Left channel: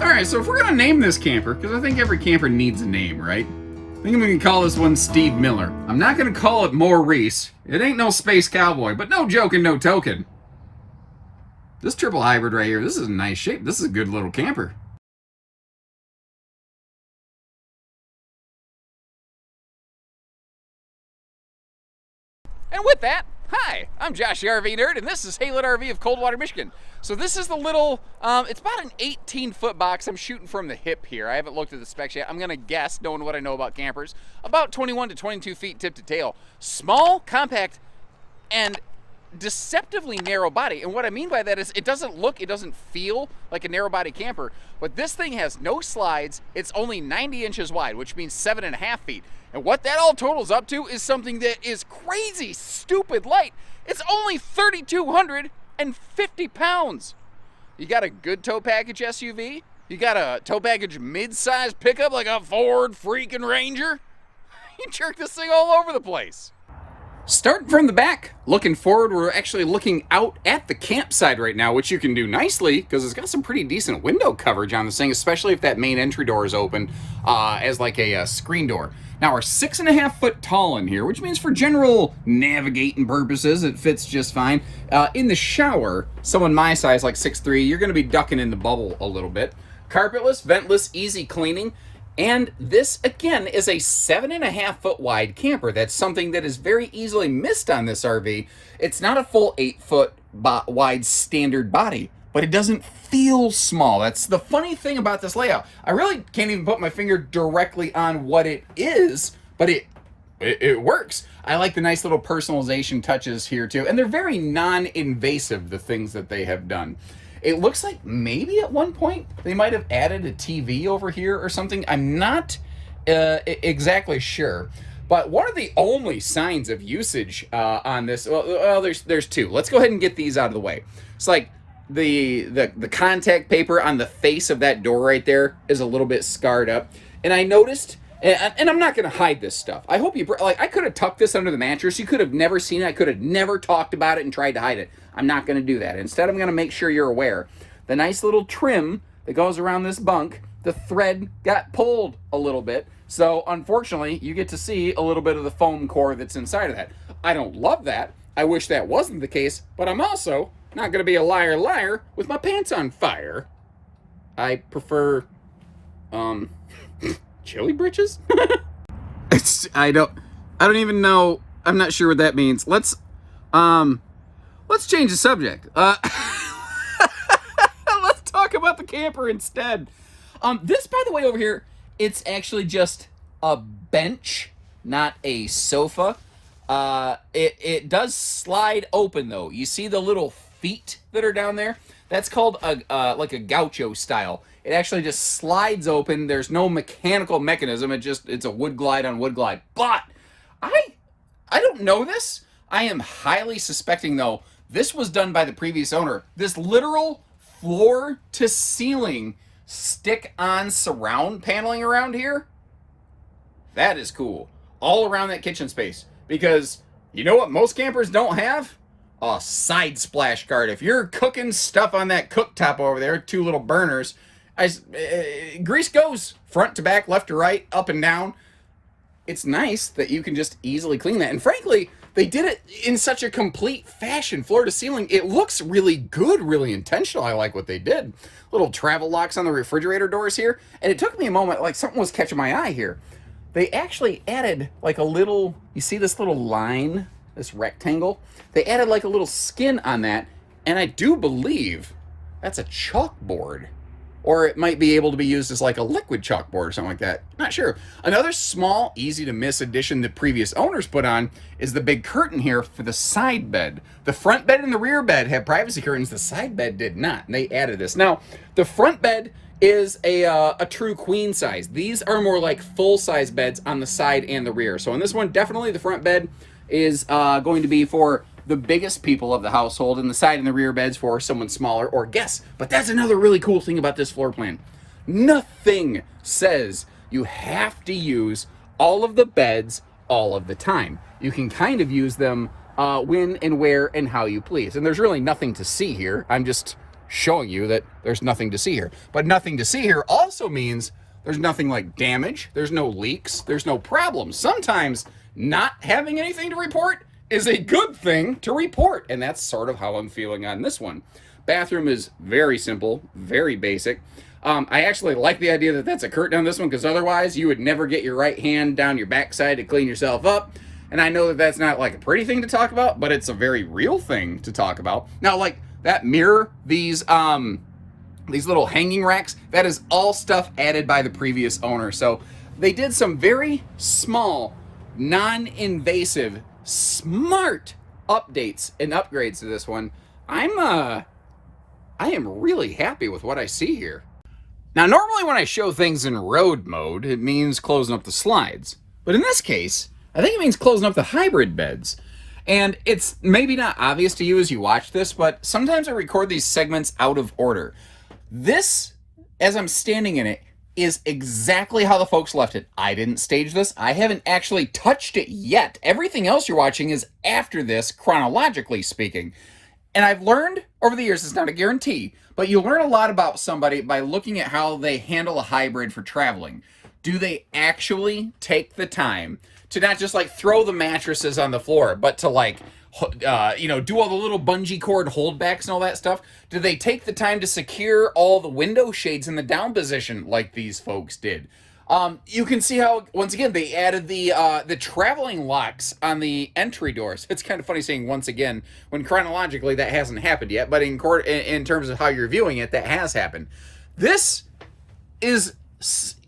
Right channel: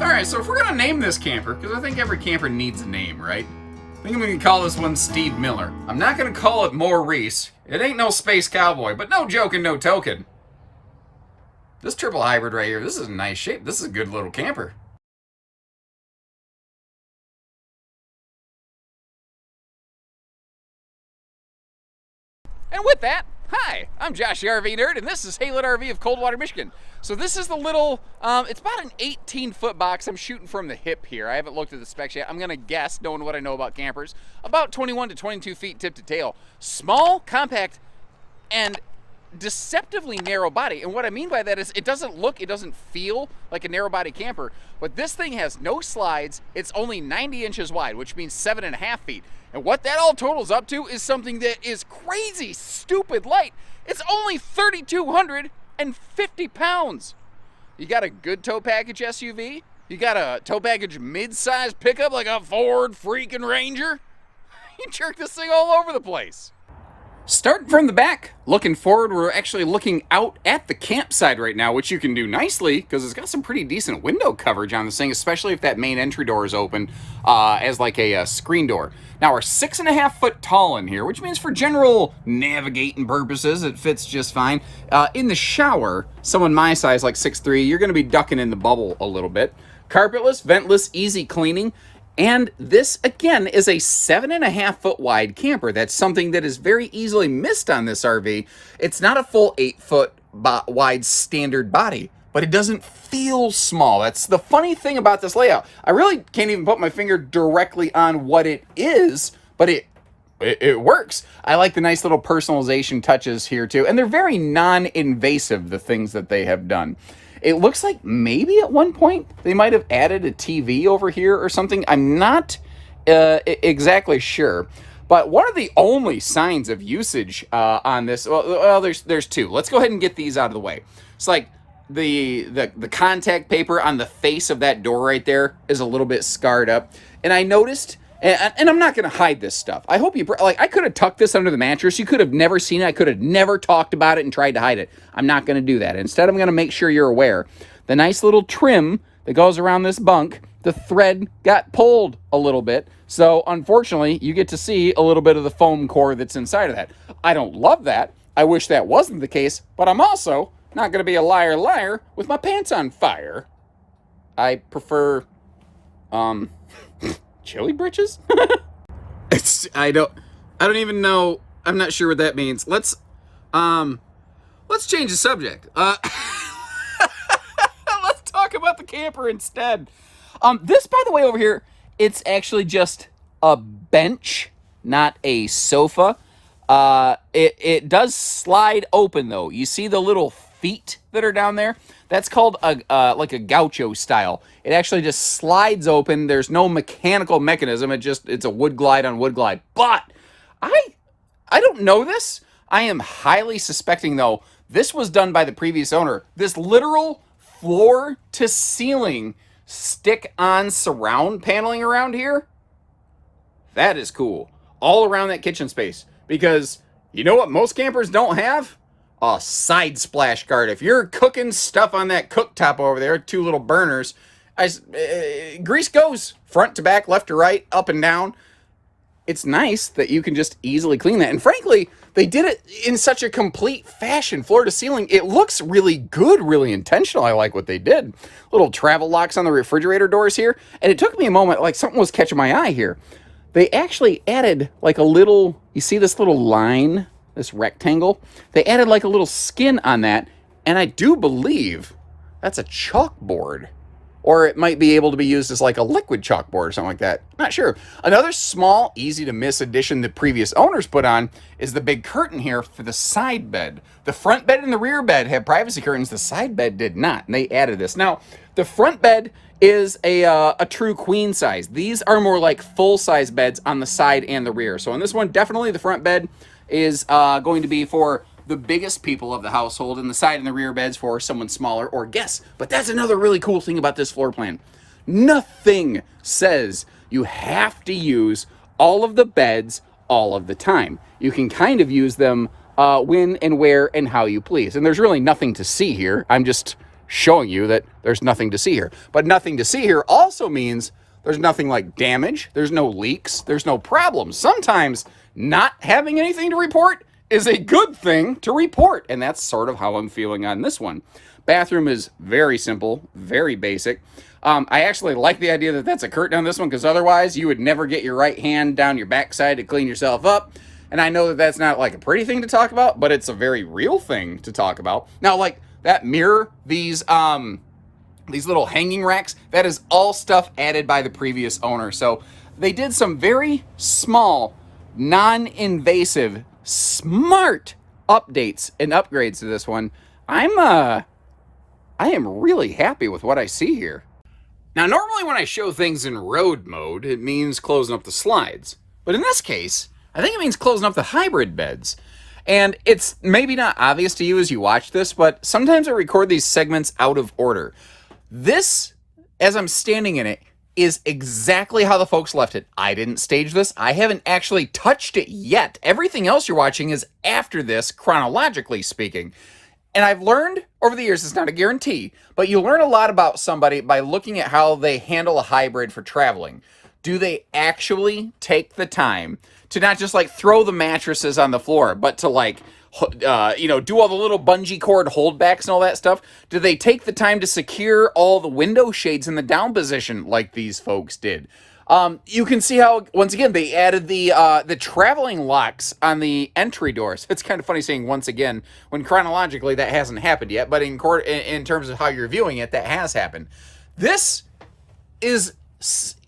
Alright, so if we're gonna name this camper, because I think every camper needs a name, right? I think I'm gonna call this one Steve Miller. I'm not gonna call it Maurice. It ain't no space cowboy, but no joking, no token. This triple hybrid right here, this is a nice shape. This is a good little camper. And with that, hi, I'm Josh the RV Nerd, and this is Haylet RV of Coldwater, Michigan. So this is the little, it's about an 18-foot box. I'm shooting from the hip here. I haven't looked at the specs yet. I'm gonna guess, knowing what I know about campers, about 21 to 22 feet tip to tail. Small, compact, and deceptively narrow body. And what I mean by that is it doesn't feel like a narrow body camper, but this thing has no slides. It's only 90 inches wide, which means 7.5 feet. And what that all totals up to is something that is crazy, stupid light. It's only 3,250 pounds. You got a good tow package SUV? You got a tow package mid-size pickup like a Ford freaking Ranger? You jerk this thing all over the place. Starting from the back, looking forward, we're actually looking out at the campsite right now, which you can do nicely because it's got some pretty decent window coverage on this thing, especially if that main entry door is open as like a screen door. Now we're 6.5 foot tall in here, which means for general navigating purposes, it fits just fine. In the shower, someone my size, like 6'3", you're going to be ducking in the bubble a little bit. Carpetless, ventless, easy cleaning. And this, again, is a 7.5 foot wide camper. That's something that is very easily missed on this RV. It's not a full 8 foot wide standard body, but it doesn't feel small. That's the funny thing about this layout. I really can't even put my finger directly on what it is, but it works. I like the nice little personalization touches here too. And they're very non-invasive, the things that they have done. It looks like maybe at one point they might have added a TV over here or something. I'm not exactly sure. But one of the only signs of usage on this, well, there's two. Let's go ahead and get these out of the way. It's like the contact paper on the face of that door right there is a little bit scarred up. And I noticed, and I'm not going to hide this stuff. I hope you, like, I could have tucked this under the mattress. You could have never seen it. I could have never talked about it and tried to hide it. I'm not going to do that. Instead, I'm going to make sure you're aware. The nice little trim that goes around this bunk, the thread got pulled a little bit. So, unfortunately, you get to see a little bit of the foam core that's inside of that. I don't love that. I wish that wasn't the case, but I'm also not going to be a liar with my pants on fire. I prefer, chili britches? I don't even know. I'm not sure what that means. Let's change the subject. Let's talk about the camper instead. This, by the way, over here, it's actually just a bench, not a sofa. It does slide open though. You see the little feet that are down there? That's called like a gaucho style. It actually just slides open. There's no mechanical mechanism. It's a wood glide on wood glide. But I don't know this. I am highly suspecting though this was done by the previous owner. This literal floor to ceiling stick-on surround paneling around here, that is cool. All around that kitchen space. Because you know what most campers don't have? A side splash guard. If you're cooking stuff on that cooktop over there, two little burners, grease goes front to back, left to right, up and down. It's nice that you can just easily clean that. And frankly, they did it in such a complete fashion, floor to ceiling. It looks really good, really intentional. I like what they did. Little travel locks on the refrigerator doors here. And it took me a moment, like something was catching my eye here. They actually added like a little, you see this little line, this rectangle? They added like a little skin on that. And I do believe that's a chalkboard. Or it might be able to be used as like a liquid chalkboard or something like that. Not sure. Another small, easy to miss addition that previous owners put on is the big curtain here for the side bed. The front bed and the rear bed had privacy curtains. The side bed did not, and they added this. Now, the front bed is a true queen size. These are more like full-size beds on the side and the rear. So on this one, definitely the front bed is going to be for the biggest people of the household, and the side and the rear beds for someone smaller or guests. But that's another really cool thing about this floor plan. Nothing says you have to use all of the beds all of the time. You can kind of use them when and where and how you please. And there's really nothing to see here. I'm just showing you that there's nothing to see here. But nothing to see here also means there's nothing like damage, there's no leaks, there's no problems. Sometimes not having anything to report is a good thing to report, and that's sort of how I'm feeling on this one. Bathroom is very simple, very basic. I actually like the idea that that's a curtain on this one, because otherwise you would never get your right hand down your backside to clean yourself up. And I know that that's not like a pretty thing to talk about, but it's a very real thing to talk about. Now, like that mirror, these little hanging racks, that is all stuff added by the previous owner. So they did some very small, non-invasive, smart updates and upgrades to this one. I am really happy with what I see here. Now, normally when I show things in road mode, it means closing up the slides. But in this case, I think it means closing up the hybrid beds. And it's maybe not obvious to you as you watch this, but sometimes I record these segments out of order. This, as I'm standing in it, is exactly how the folks left it. I didn't stage this. I haven't actually touched it yet. Everything else you're watching is after this, chronologically speaking. And I've learned over the years, it's not a guarantee, but you learn a lot about somebody by looking at how they handle a hybrid for traveling. Do they actually take the time to not just like throw the mattresses on the floor, but to like, do all the little bungee cord holdbacks and all that stuff? Do they take the time to secure all the window shades in the down position like these folks did? You can see how, once again, they added the traveling locks on the entry doors. It's kind of funny saying once again, when chronologically that hasn't happened yet, but in terms of how you're viewing it, that has happened. This is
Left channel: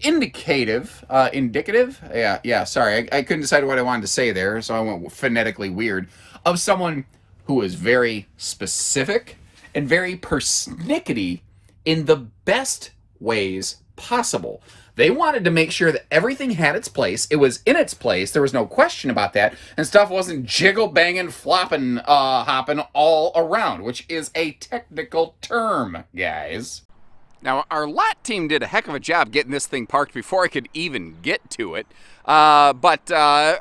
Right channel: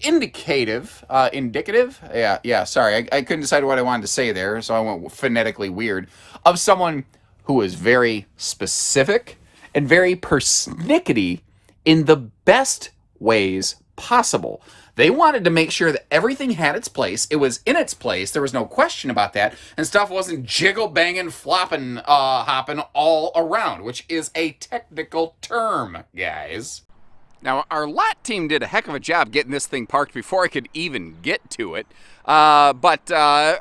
indicative. Sorry, I couldn't decide what I wanted to say there, so I went phonetically weird, of someone who is very specific and very persnickety in the best ways possible. They wanted to make sure that everything had its place. It was in its place. There was no question about that. And stuff wasn't jiggle banging, flopping, hopping all around, which is a technical term, guys. Now, our lot team did a heck of a job getting this thing parked before I could even get to it. But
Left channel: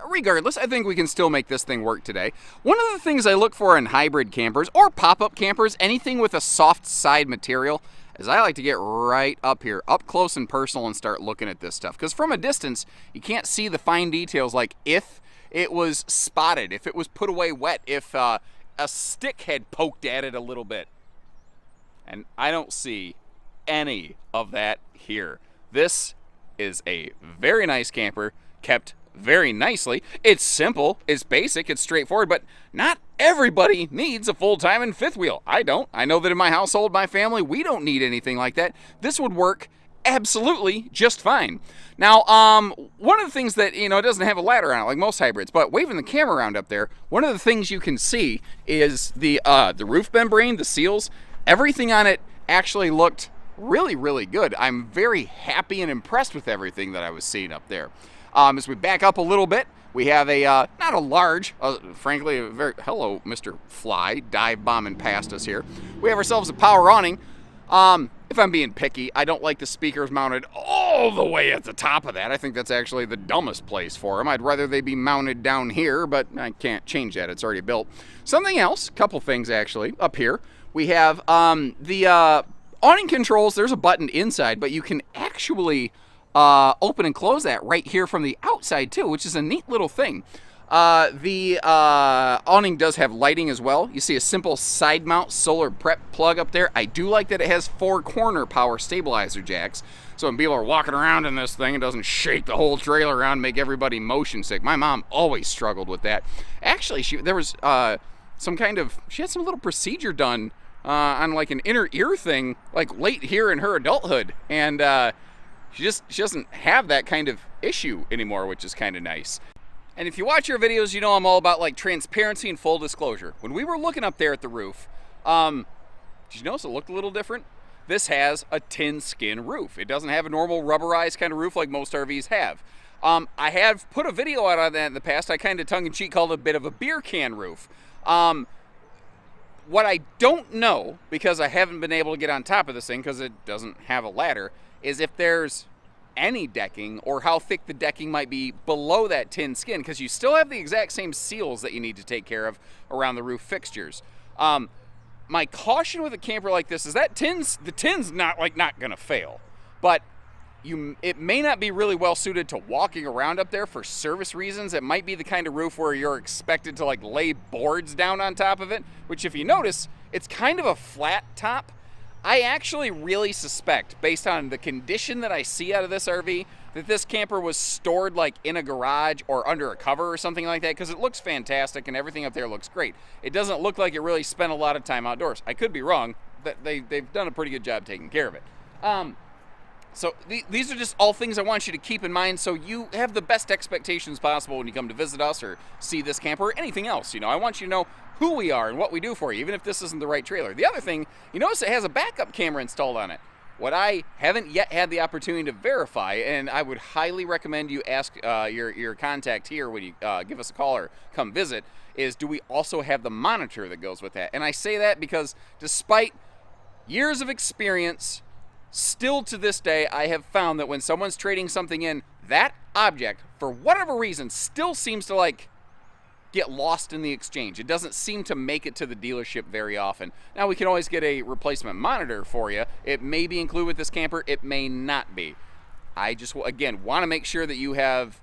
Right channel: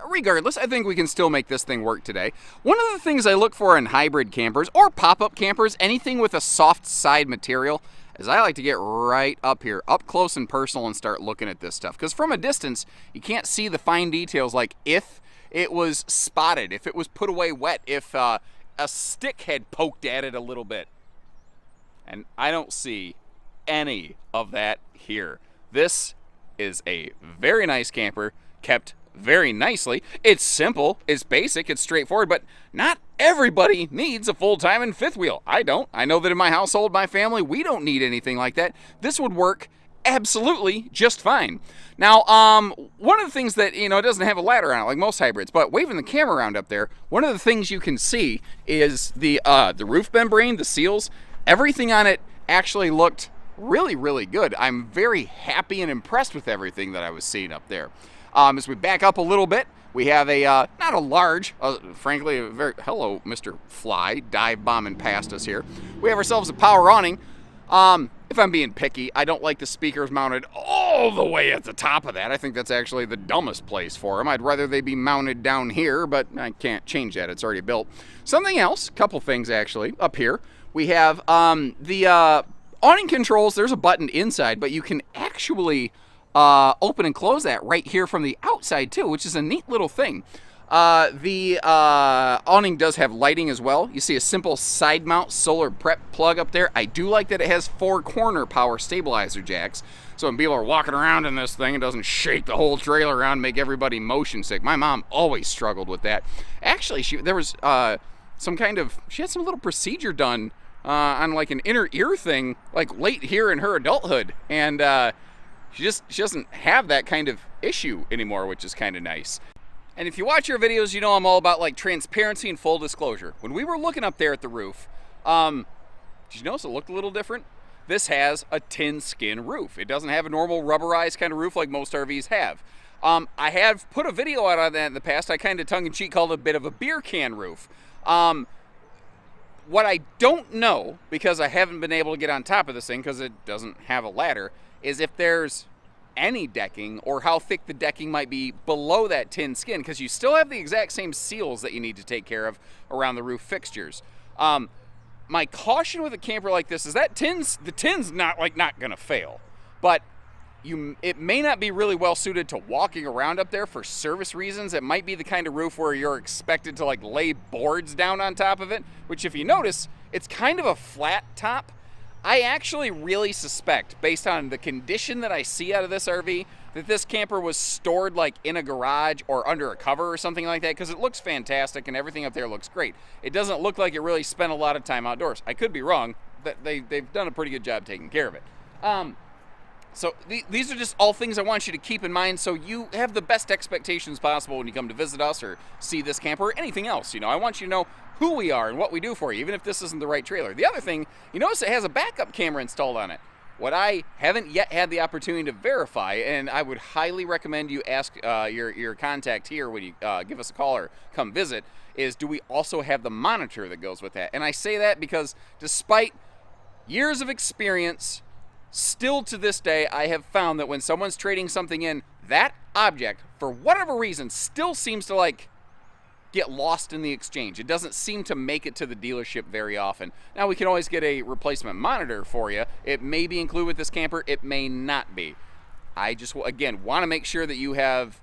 regardless, I think we can still make this thing work today. One of the things I look for in hybrid campers or pop-up campers, anything with a soft side material, is I like to get right up here, up close and personal, and start looking at this stuff. Because from a distance, you can't see the fine details, like if it was spotted, if it was put away wet, if a stick had poked at it a little bit. And I don't see any of that here. This is a very nice camper, kept very nicely. It's simple, it's basic, it's straightforward, but not everybody needs a full-time and fifth wheel. I don't. I know that in my household, my family, we don't need anything like that. This would work absolutely just fine. Now, one of the things that, it doesn't have a ladder on it like most hybrids, but waving the camera around up there, one of the things you can see is the roof membrane, the seals, everything on it actually looked really, really good. I'm very happy and impressed with everything that I was seeing up there. As we back up a little bit, we have a, not a large, frankly, a very, hello, Mr. Fly, dive bombing past us here. We have ourselves a power awning. If I'm being picky, I don't like the speakers mounted all the way at the top of that. I think that's actually the dumbest place for them. I'd rather they be mounted down here, but I can't change that. It's already built. Something else, couple things actually, up here. We have the awning controls. There's a button inside, but you can actually open and close that right here from the outside too, which is a neat little thing. The awning does have lighting as well. You see a simple side mount solar prep plug up there. I do like that it has 4 corner power stabilizer jacks. So when people are walking around in this thing, it doesn't shake the whole trailer around and make everybody motion sick. My mom always struggled with that. Actually, she had some little procedure done on like an inner ear thing, like late here in her adulthood. And she doesn't have that kind of issue anymore, which is kind of nice. And if you watch your videos, you know I'm all about like transparency and full disclosure. When we were looking up there at the roof, did you notice it looked a little different? This has a tin skin roof. It doesn't have a normal rubberized kind of roof like most RVs have. I have put a video out on that in the past. I kind of tongue-in-cheek called it a bit of a beer can roof. What I don't know, because I haven't been able to get on top of this thing because it doesn't have a ladder, is if there's any decking or how thick the decking might be below that tin skin, because you still have the exact same seals that you need to take care of around the roof fixtures. my caution with a camper like this is that the tin's not gonna fail, but it may not be really well suited to walking around up there for service reasons. It might be the kind of roof where you're expected to like lay boards down on top of it, which if you notice, it's kind of a flat top. I actually really suspect, based on the condition that I see out of this RV, that this camper was stored like in a garage or under a cover or something like that, because it looks fantastic and everything up there looks great. It doesn't look like it really spent a lot of time outdoors. I could be wrong, but they've done a pretty good job taking care of it. So these are just all things I want you to keep in mind so you have the best expectations possible when you come to visit us or see this camper or anything else. I want you to know who we are and what we do for you, even if this isn't the right trailer. The other thing, you notice it has a backup camera installed on it. What I haven't yet had the opportunity to verify, and I would highly recommend you ask your contact here when you give us a call or come visit, is do we also have the monitor that goes with that? And I say that because despite years of experience, still to this day, I have found that when someone's trading something in, that object, for whatever reason, still seems to get lost in the exchange. It doesn't seem to make it to the dealership very often. Now, we can always get a replacement monitor for you. It may be included with this camper. It may not be. I just, again, want to make sure that you have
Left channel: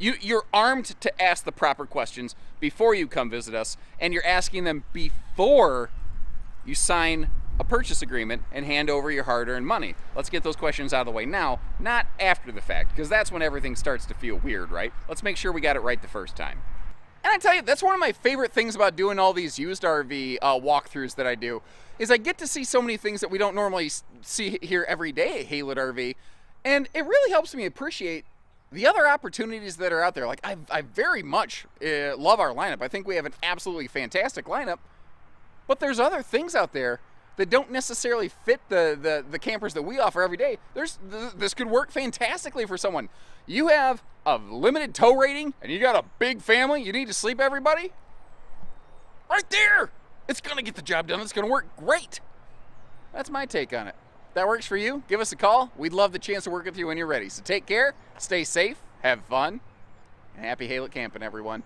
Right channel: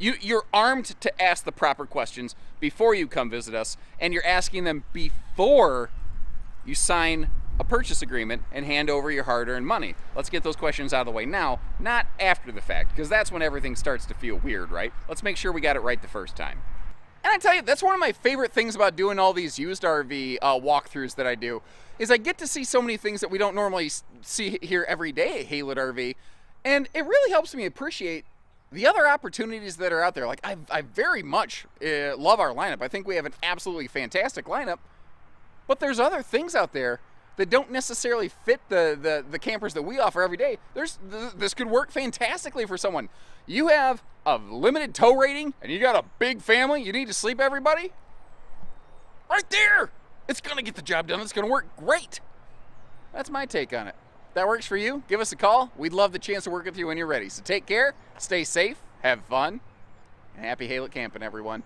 you're armed to ask the proper questions before you come visit us, and you're asking them before you sign a purchase agreement and hand over your hard-earned money. Let's get those questions out of the way now, not after the fact, because that's when everything starts to feel weird, right? Let's make sure we got it right the first time. And I tell you, that's one of my favorite things about doing all these used RV walkthroughs that I do, is I get to see so many things that we don't normally see here every day at Haylett RV, and it really helps me appreciate the other opportunities that are out there. Like, I very much love our lineup. I think we have an absolutely fantastic lineup, but there's other things out there that don't necessarily fit the campers that we offer every day. This could work fantastically for someone. You have a limited tow rating and you got a big family, you need to sleep everybody? Right there! It's gonna get the job done, it's gonna work great. That's my take on it. If that works for you, give us a call. We'd love the chance to work with you when you're ready. So take care, stay safe, have fun, and happy Haylett camping, everyone.